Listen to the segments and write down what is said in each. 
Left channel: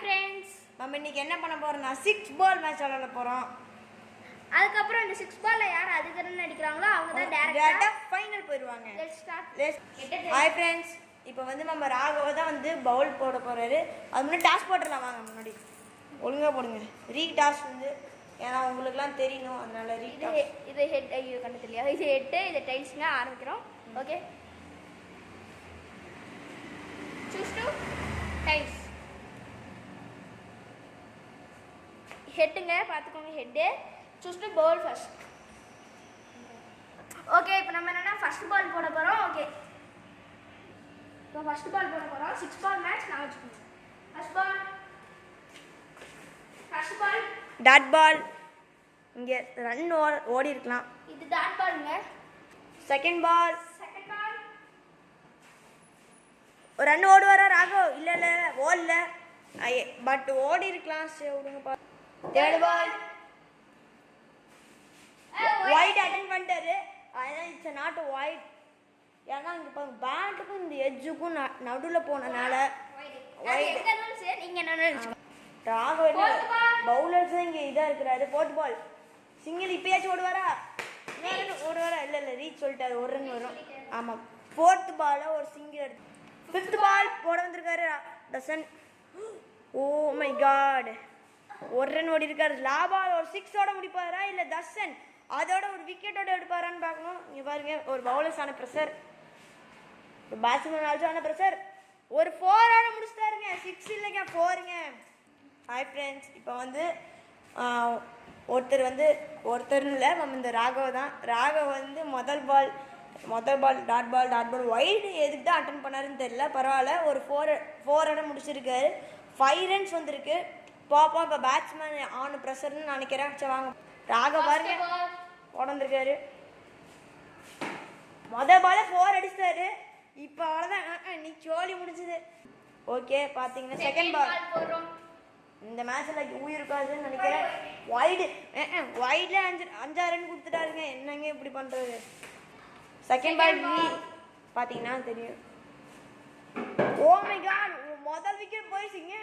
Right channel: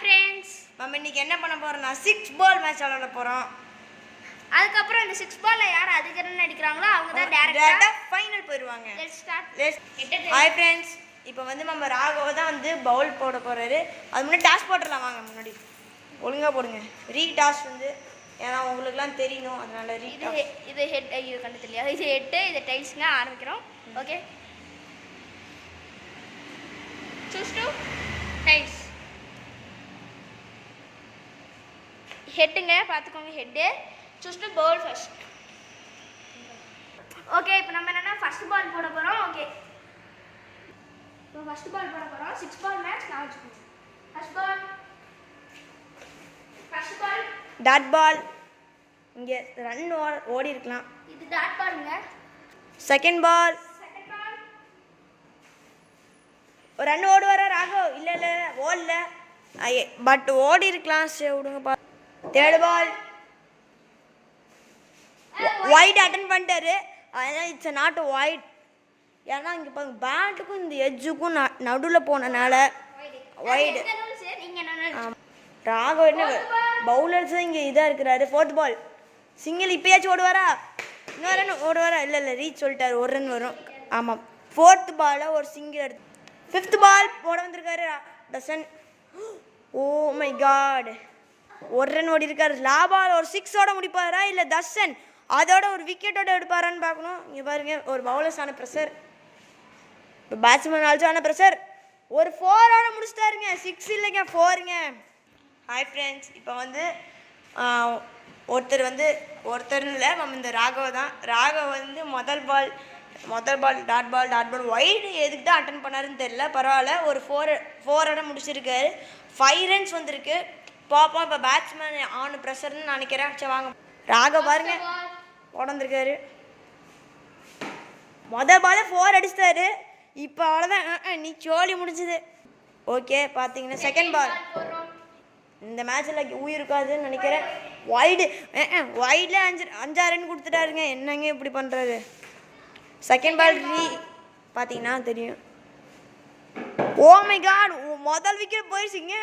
Friends, நம்ம இன்னைக்கு என்ன பண்ண போறோம்னா 6 பால் மேட்ச் விளையாட போறோம். அதுக்கப்புறம் இந்த 6 பால்ல யார் அதிக ரன் அடிக்கிறாங்களோ அவங்க தான் டைரக்டா ஃபைனல் போயிடுவாங்க. Let's start. ஹாய் ஃப்ரெண்ட்ஸ், இப்போ வந்து நம்ம ராகவ தான் வந்து பவுல் போட போறாரு. அது முன்னாடி டாஸ் போட்டுடலாம் வாங்க. முன்னாடி ஒழுங்கா போடுங்க. ரீ டாஸ் வந்து ஏன்னா உங்களுக்குலாம் தெரியணும், அதனால ரீ இது ஹெட். இது கண்டு தெரியல. இது ஹெட், இது டைல்ஸ்ங்க. ஆரம்பிக்கிறோம். Okay, choose to tails. ஹெட்டுங்க, பார்த்துக்கோங்க. Head choose to bowl first. Okay, இப்போ நம்ம என்னன்னா ஃபர்ஸ்ட் பால் போட போகிறோம். ஓகே, இப்போ ஃபர்ஸ்ட் பால் போட போகிறோம். 6 பால் மேட்ச் நான் வச்சுக்கோங்க. First ball dot ball. இங்கே ரன் ஓடி இருக்கலாம். இது டாட் பாலுங்க. செகண்ட் பால் ஒரு ரன் ஓடுவாரா ராகவ்? இல்லை இல்லை ஓடல, பட் ஓடி இருக்கலாம். சரி விடுங்கப்பா. தேர்ட் பால் வைட் அட்டன் பண்ணிட்டாரு. அதனால் இட்ஸ் நாட் வைட். ஏன்னா இங்கே பாருங்க, பேட்டுக்கும் இந்த எட்ஜுக்கும் நடுவில் போனனால வைடு. ராகவ் என்ன பவுலர்ஸ் இங்கே இதாக இருக்கிறாரு. Fourth ball single. இப்போயாச்சும் ஓடுவாரா? இன்னொரு ரன் ஓடுவாரா? இல்லை இல்லை, ரீச் சொல்லிட்டாரு. ஒரு ரன் வரும். ஆமாம், ஃபோர்த் பாலில் ஒரு சிங்கிள் எடுத்து. ஃபிஃப்த் பால் போட வந்திருக்காரு டசன். ஓ மை காட், ஒரு ரன் ஓடி இருக்காரு. லாபால் ஒரு 6ஓட முடிப்பாரா இல்லை தர்ஷன் அதோட ஒரு விக்கெட்டோட எடுப்பாரான்னு பார்க்கணும். இங்கே பாருங்க, ஒரு பவுலர்ஸான ப்ரெஷர், இப்போ பேட்ஸ்மேன் ஆல்சோன ப்ரெஷர். ஒரு 4ஓட முடிச்சிட்டாருங்க. 6 இல்லைங்க, 4ங்க. ஹாய் ஃப்ரெண்ட்ஸ், இப்போ வந்து ஒருத்தர் இல்லை, நம்ம இந்த ராகவ் தான். ராகவ் வந்து முதல் பால் டாட் பால் வைடு எதுக்கு தான் அட்டன் பண்ணாருன்னு தெரியல. பரவாயில்ல, ஒரு 4ஓட முடிச்சிருக்காரு. 5 ரன்ஸ் வந்திருக்கு. பாப்பா இப்போ பேட்ஸ்மேன் ஆன் ப்ரெஷர்னு நினைக்கிறேன். சரி வாங்க. ராகவ் பாருங்க உடந்திருக்காரு. முதல் பால 4 அடிச்சிட்டாரு. இப்போ அவ்வளோதான், நீ சோழி முடிச்சுது. ஓகே, பார்த்தீங்கன்னா செகண்ட் பால். இந்த மேட்ச்சில் உயிர் இருக்காதுன்னு நினைக்கிறேன். வைடில் 5 ரன் கொடுத்துட்டாருங்க. என்னங்க இப்படி பண்ணுறாரு? செகண்ட் பால் ரீ பார்த்தீங்கன்னா தெரியும். ஓ மை காட், முதல் விக்கெட் போயிடுச்சிங்க.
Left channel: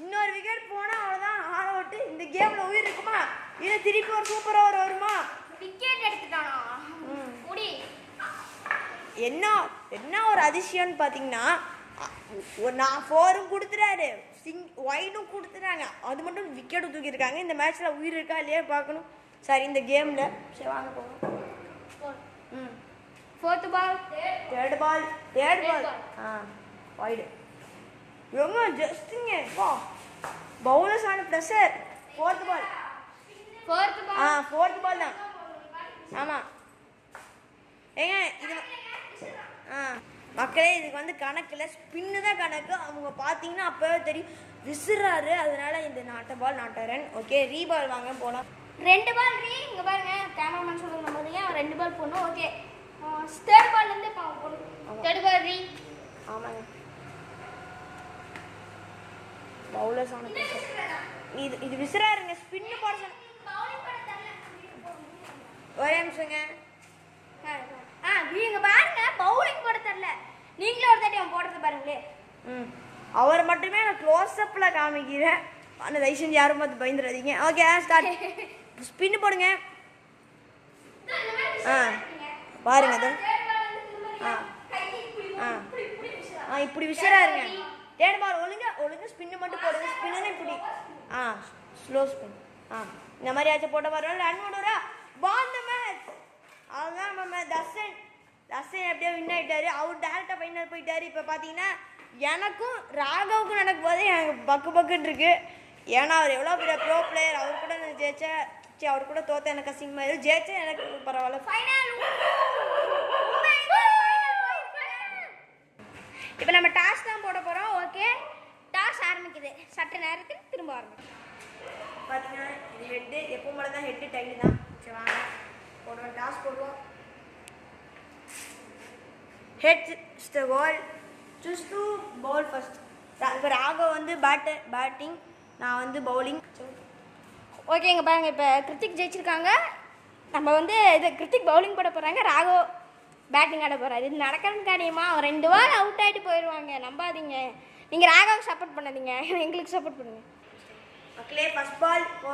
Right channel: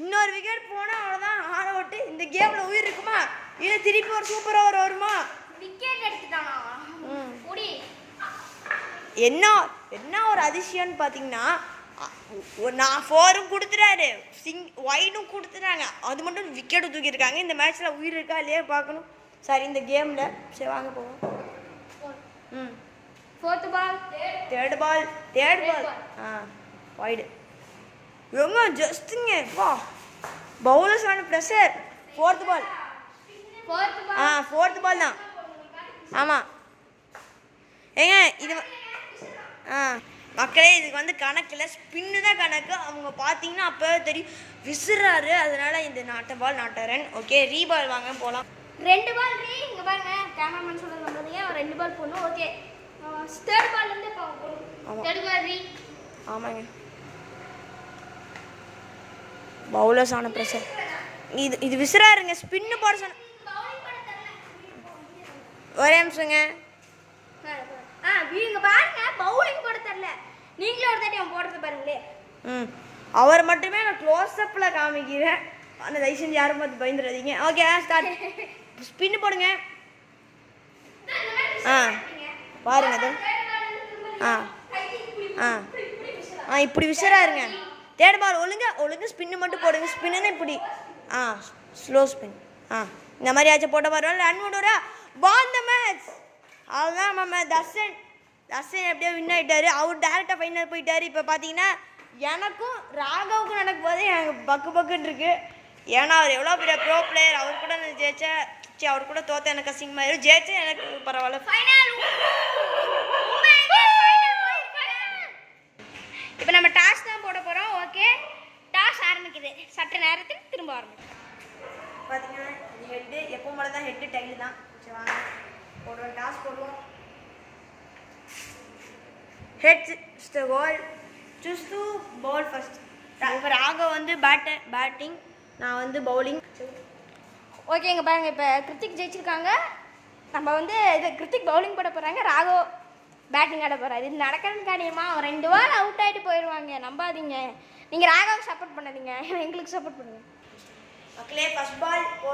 இன்னொரு விக்கெட் போனால் அவ்வளோதான், ஆல் அவுட்டு. இந்த கேமில் உயிர் இருக்குமா இல்லை திருப்பி ஒரு சூப்பர் ஓவர் வருமா? விக்கெட் எடுத்துட்டானா? என்ன ஒரு அதிசயம்னு பார்த்தீங்கன்னா, நான் 4ம் கொடுத்துட்டாரு, வைடும் கொடுத்துட்டாங்க. அது மட்டும் விக்கெட்டு தூக்கியிருக்காங்க. இந்த மேட்ச்சில் உயிர் இருக்கா இல்லையா பார்க்கணும். சரி, இந்த கேமில் சரி வாங்க போவோம். Fourth ball third ball wide. எங்க ஜஸ்ட்டுங்க வா, பவுலர்ஸ் ஆன ப்ரெஷர். ஃபோர்த் பால் தான். ஆமாம் ஏங்க, இது மக்களே இதுக்கு வந்து கணக்கில் ஸ்பின்னு தான் கணக்கு. அவங்க பார்த்தீங்கன்னா அப்போ தெரியும் விசிறாரு. அதனால இந்த நாட்ட ரன். ஓகே, ரீ பால் வாங்க போகலாம். 2 பால் ரீ. இங்கே பாருங்க, கேமராமேன் சொல்கிறது நம்பாதீங்க. 2 பால் போடணும். ஓகே, தேர்ட் பால்லேருந்து போடணும். தேர்ட் பால் ரீ. ஆமாங்க, பவுலர்ஸ் ஆன ப்ரெஷர். இது விசிறாருங்க. ஸ்பின்னு போட சொன்ன. ஒரே நிமிஷங்க. இங்க பாருங்க, பவுலிங் போட தெரியல. நீங்களே ஒரு தாட்டி அவன் போடுறது பாருங்களே. அவர் மட்டுமே நான் க்ளோஸ்அப்பில் காமிக்கிறேன். ஆனால் தயவு செஞ்சு யாரும் பார்த்து பயந்துடாதீங்க. Okay, start. ஸ்பின்னு போடுங்க. பாருங்க அது. இப்படி விசிறாருங்க. தேர்ட் பால் ஒழுங்கு ஸ்பின்னு மட்டும் போடுங்க. ஸ்பின்னு இப்படி ஸ்லோ ஸ்பின். இந்த மாதிரி ஆச்சு போட்ட மாதிரி ரன் விடுறா. பால் த மேட்ச். அதுதான் நம்ம தர்ஷன் எப்படியோ வின் ஆகிட்டாரு. அவர் டேரெக்டாக ஃபைனல் போயிட்டார். இப்போ பார்த்தீங்கன்னா எனக்கும் ராகவுக்கும் நடக்கும் போது எனக்கு பக்குன்னு இருக்கு. ஏன்னா அவர் எவ்வளோ பெரிய ப்ரோ பிளேயர். அவர் கூட நான் ஜெயிச்சேன். அவர் கூட தோத்த எனக்கு அசிங்கமாயிரும். ஜெயிச்சேன் எனக்கு பரவாயில்ல. இப்போ நம்ம டாஸ் தான் போட போகிறோம். ஓகே, டாஸ் ஆரம்பிக்குது. சட்ட நேரத்தில் திரும்ப ஆரம்பிக்கும். பார்த்தீங்கன்னா இது ஹெட்டு. எப்போ மேலே தான் ஹெட்டு டைல் தான். சரி வாங்க போடுவோம். டாஸ் போடுவோம். Head the goal. Choose to bowl first. இப்போ ராகவ் வந்து பேட்டிங், நான் வந்து பவுலிங். ஓகேங்க பாருங்க, இப்போ கிருத்திக் ஜெயிச்சிருக்காங்க. நம்ம வந்து இது கிருத்திக் பவுலிங் போட போகிறாங்க. ராகவ் பேட்டிங் ஆட போகிறாரு. இது நடக்கிறன்னு காரியமா ஒரு 2 பால் அவுட் ஆகிட்டு போயிடுவாங்க. நம்பாதீங்க. நீங்கள் ராகாவுக்கு சப்போர்ட் பண்ணாதீங்க, எங்களுக்கு சப்போர்ட் பண்ணுங்கள். மக்களே